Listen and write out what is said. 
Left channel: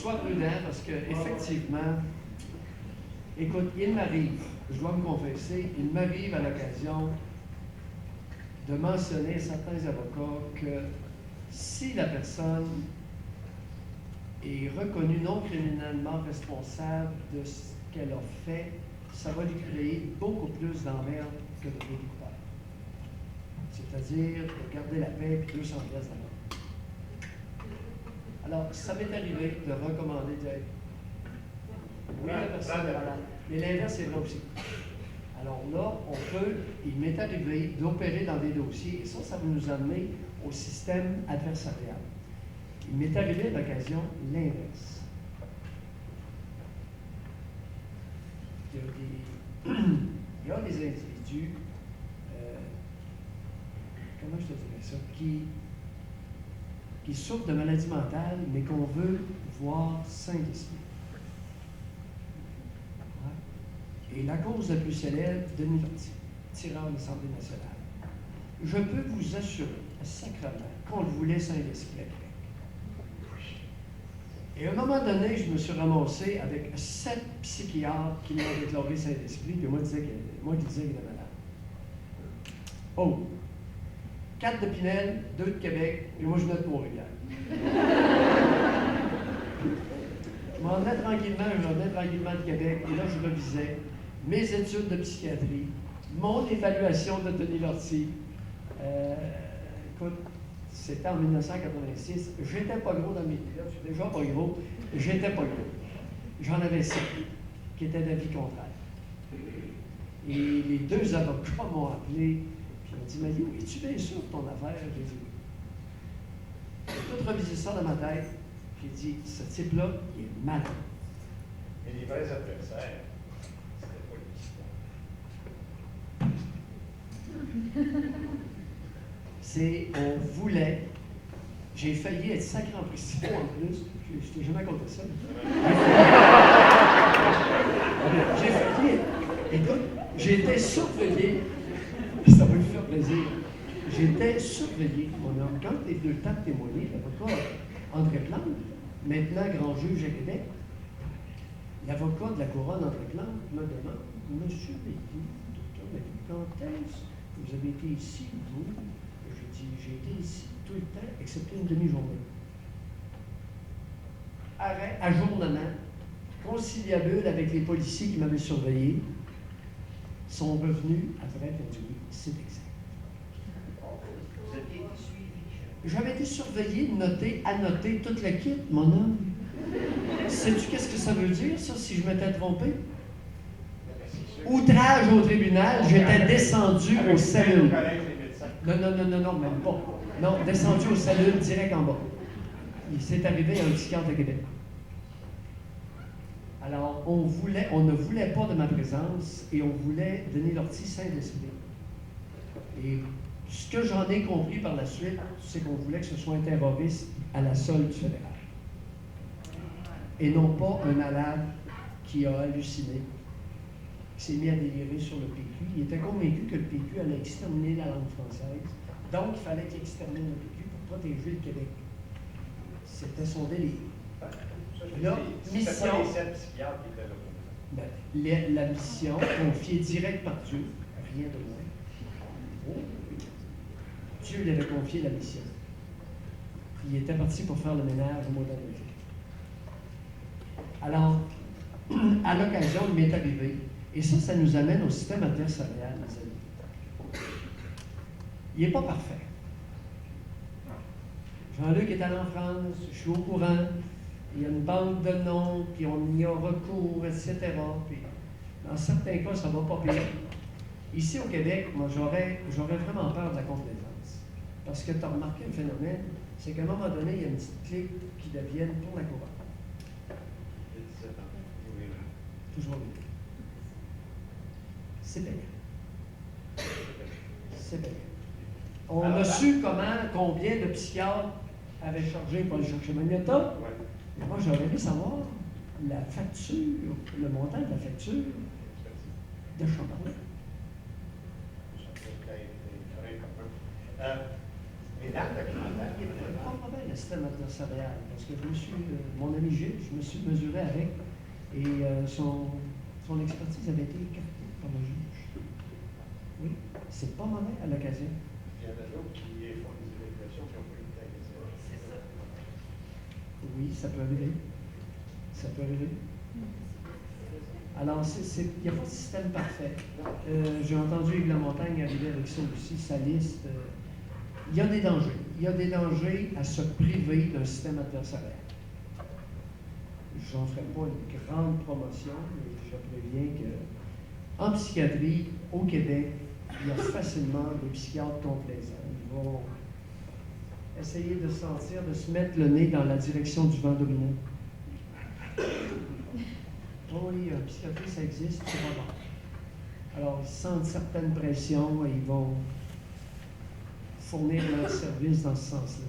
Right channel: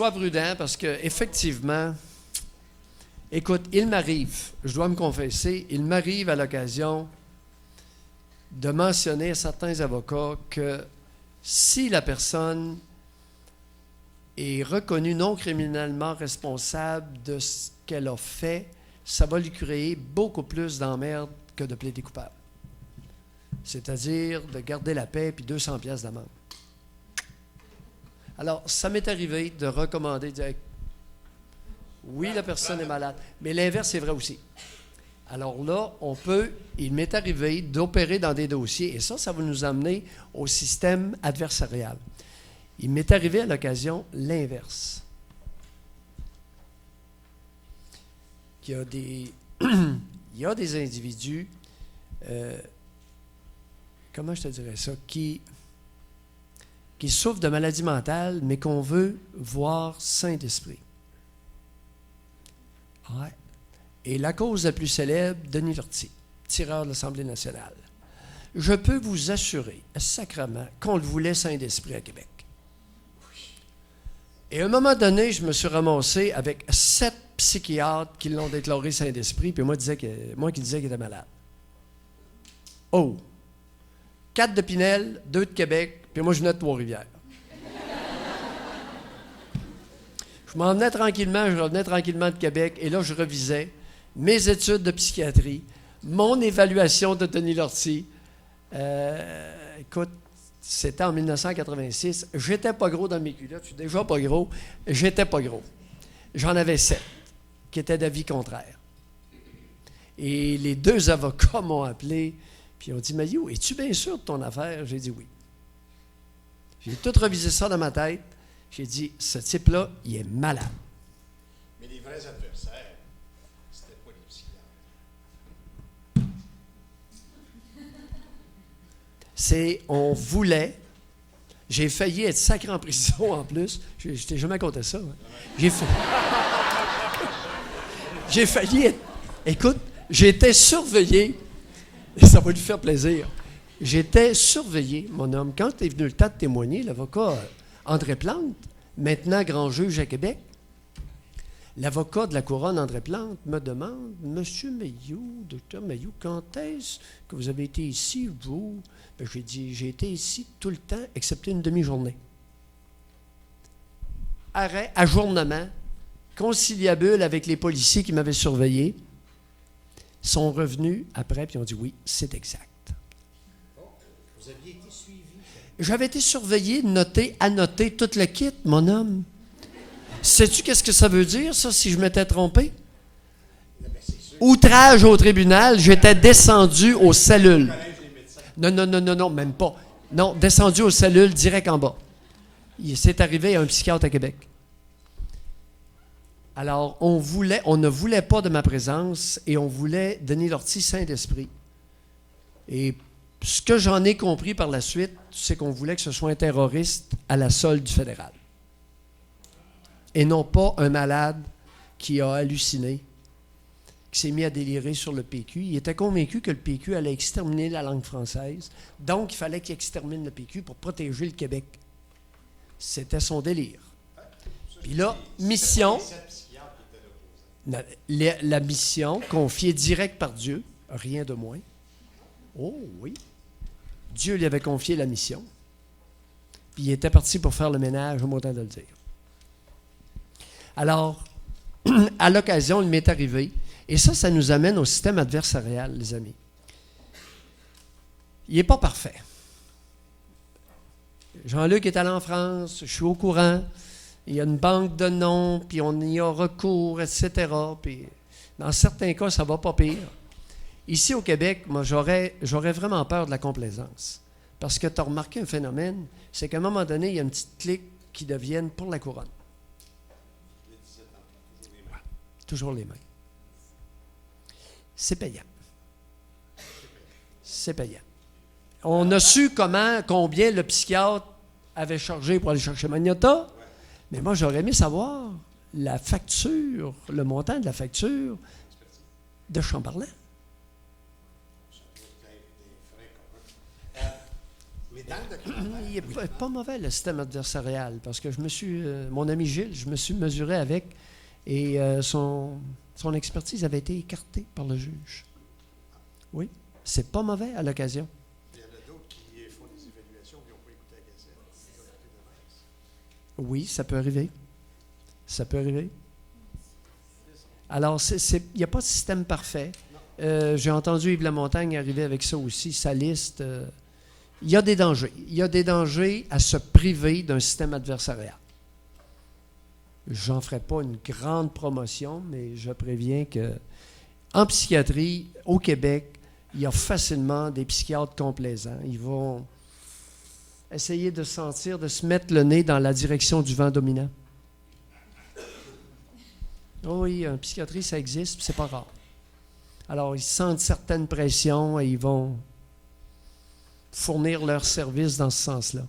sois prudent parce que effectivement, écoute, il m'arrive, je dois me confesser, il m'arrive à l'occasion de mentionner à certains avocats que si la personne est reconnue non criminellement responsable de ce qu'elle a fait, ça va lui créer beaucoup plus d'emmerde que de plaider coupable. C'est-à-dire de garder la paix puis 200 pièces d'amende. Alors, ça m'est arrivé de recommander, de dire, oui, la personne est malade, mais l'inverse est vrai aussi. Alors là, il m'est arrivé d'opérer dans des dossiers, et ça va nous amener au système adversarial. Il m'est arrivé à l'occasion l'inverse. Il y a des individus, comment je te dirais ça, qui souffrent de maladies mentales, mais qu'on veut voir sains d'esprit. Ouais. Et la cause la plus célèbre, Denis Lortie, tireur de l'Assemblée nationale. Je peux vous assurer, sacrément, qu'on le voulait saint d'esprit à Québec. Et à un moment donné, je me suis ramassé avec 7 psychiatres qui l'ont déclaré saint d'esprit, puis moi qui disais qu'il était malade. Oh! 4 de Pinel, 2 de Québec, puis moi je venais de Trois-Rivières. Je revenais tranquillement de Québec, et là je revisais mes études de psychiatrie, mon évaluation de Denis Lortie. Écoute, c'était en 1986. J'étais pas gros dans mes culottes. Je suis déjà pas gros. J'étais pas gros. J'en avais 7 qui étaient d'avis contraire. Et les 2 avocats m'ont appelé puis ils ont dit « Maillot, es-tu bien sûr de ton affaire? » J'ai dit « Oui. » J'ai tout revisé ça dans ma tête. J'ai dit « Ce type-là, il est malade. » Mais les vrais adversaires, c'était pas le on voulait, j'ai failli être sacré en prison en plus, je t'ai jamais compté ça. J'ai failli, écoute, j'étais surveillé, et ça va lui faire plaisir, j'étais surveillé, mon homme, quand est venu le temps de témoigner, l'avocat André Plante, maintenant grand juge à Québec, l'avocat de la couronne André Plante me demande « Monsieur Maillot, docteur Maillot, quand est-ce que vous avez été ici, vous? » J'ai dit « J'ai été ici tout le temps, excepté une demi-journée. » Arrêt, ajournement, conciliabule avec les policiers qui m'avaient surveillé, sont revenus après et ont dit « Oui, c'est exact. » J'avais été surveillé, noté, annoté, tout le kit, mon homme. Sais-tu qu'est-ce que ça veut dire, ça, si je m'étais trompé? Outrage au tribunal, j'étais descendu aux cellules. Non, même pas. Non, descendu aux cellules, direct en bas. C'est arrivé à un psychiatre à Québec. Alors, on ne voulait pas de ma présence et on voulait Denis Lortie saint d'esprit. Et ce que j'en ai compris par la suite, c'est qu'on voulait que ce soit un terroriste à la solde du fédéral. Et non pas un malade qui a halluciné, qui s'est mis à délirer sur le PQ. Il était convaincu que le PQ allait exterminer la langue française. Donc, il fallait qu'il extermine le PQ pour protéger le Québec. C'était son délire. Puis là, mission... La mission confiée direct par Dieu, rien de moins. Oh oui. Dieu lui avait confié la mission. Puis il était parti pour faire le ménage, au mot de le dire. Alors, à l'occasion, il m'est arrivé. Et ça nous amène au système adversarial, les amis. Il n'est pas parfait. Jean-Luc est allé en France, je suis au courant. Il y a une banque de noms, puis on y a recours, etc. Puis dans certains cas, ça ne va pas pire. Ici, au Québec, moi, j'aurais vraiment peur de la complaisance. Parce que tu as remarqué un phénomène, c'est qu'à un moment donné, il y a une petite clique qui devienne pour la couronne. Toujours les mêmes. C'est payant. C'est payant. On a su combien le psychiatre avait chargé pour aller chercher Magnotta, mais moi, j'aurais aimé savoir la facture, le montant de la facture de Chamberlain. est pas mauvais, le système adversarial, parce que mon ami Gilles, je me suis mesuré avec, et son expertise avait été écartée par le juge. Oui, c'est pas mauvais à l'occasion. Il y en a d'autres qui font des évaluations qui ont pu être. Oui, ça peut arriver. Ça peut arriver. Alors, il n'y a pas de système parfait. J'ai entendu Yves Lamontagne arriver avec ça aussi, sa liste. Il y a des dangers. Il y a des dangers à se priver d'un système adversarial. J'en ferai pas une grande promotion, mais je préviens que en psychiatrie, au Québec, il y a facilement des psychiatres complaisants. Ils vont essayer de se mettre le nez dans la direction du vent dominant. Oh oui, un psychiatrie, ça existe, puis c'est pas rare. Alors, ils sentent certaines pressions et ils vont fournir leurs services dans ce sens-là.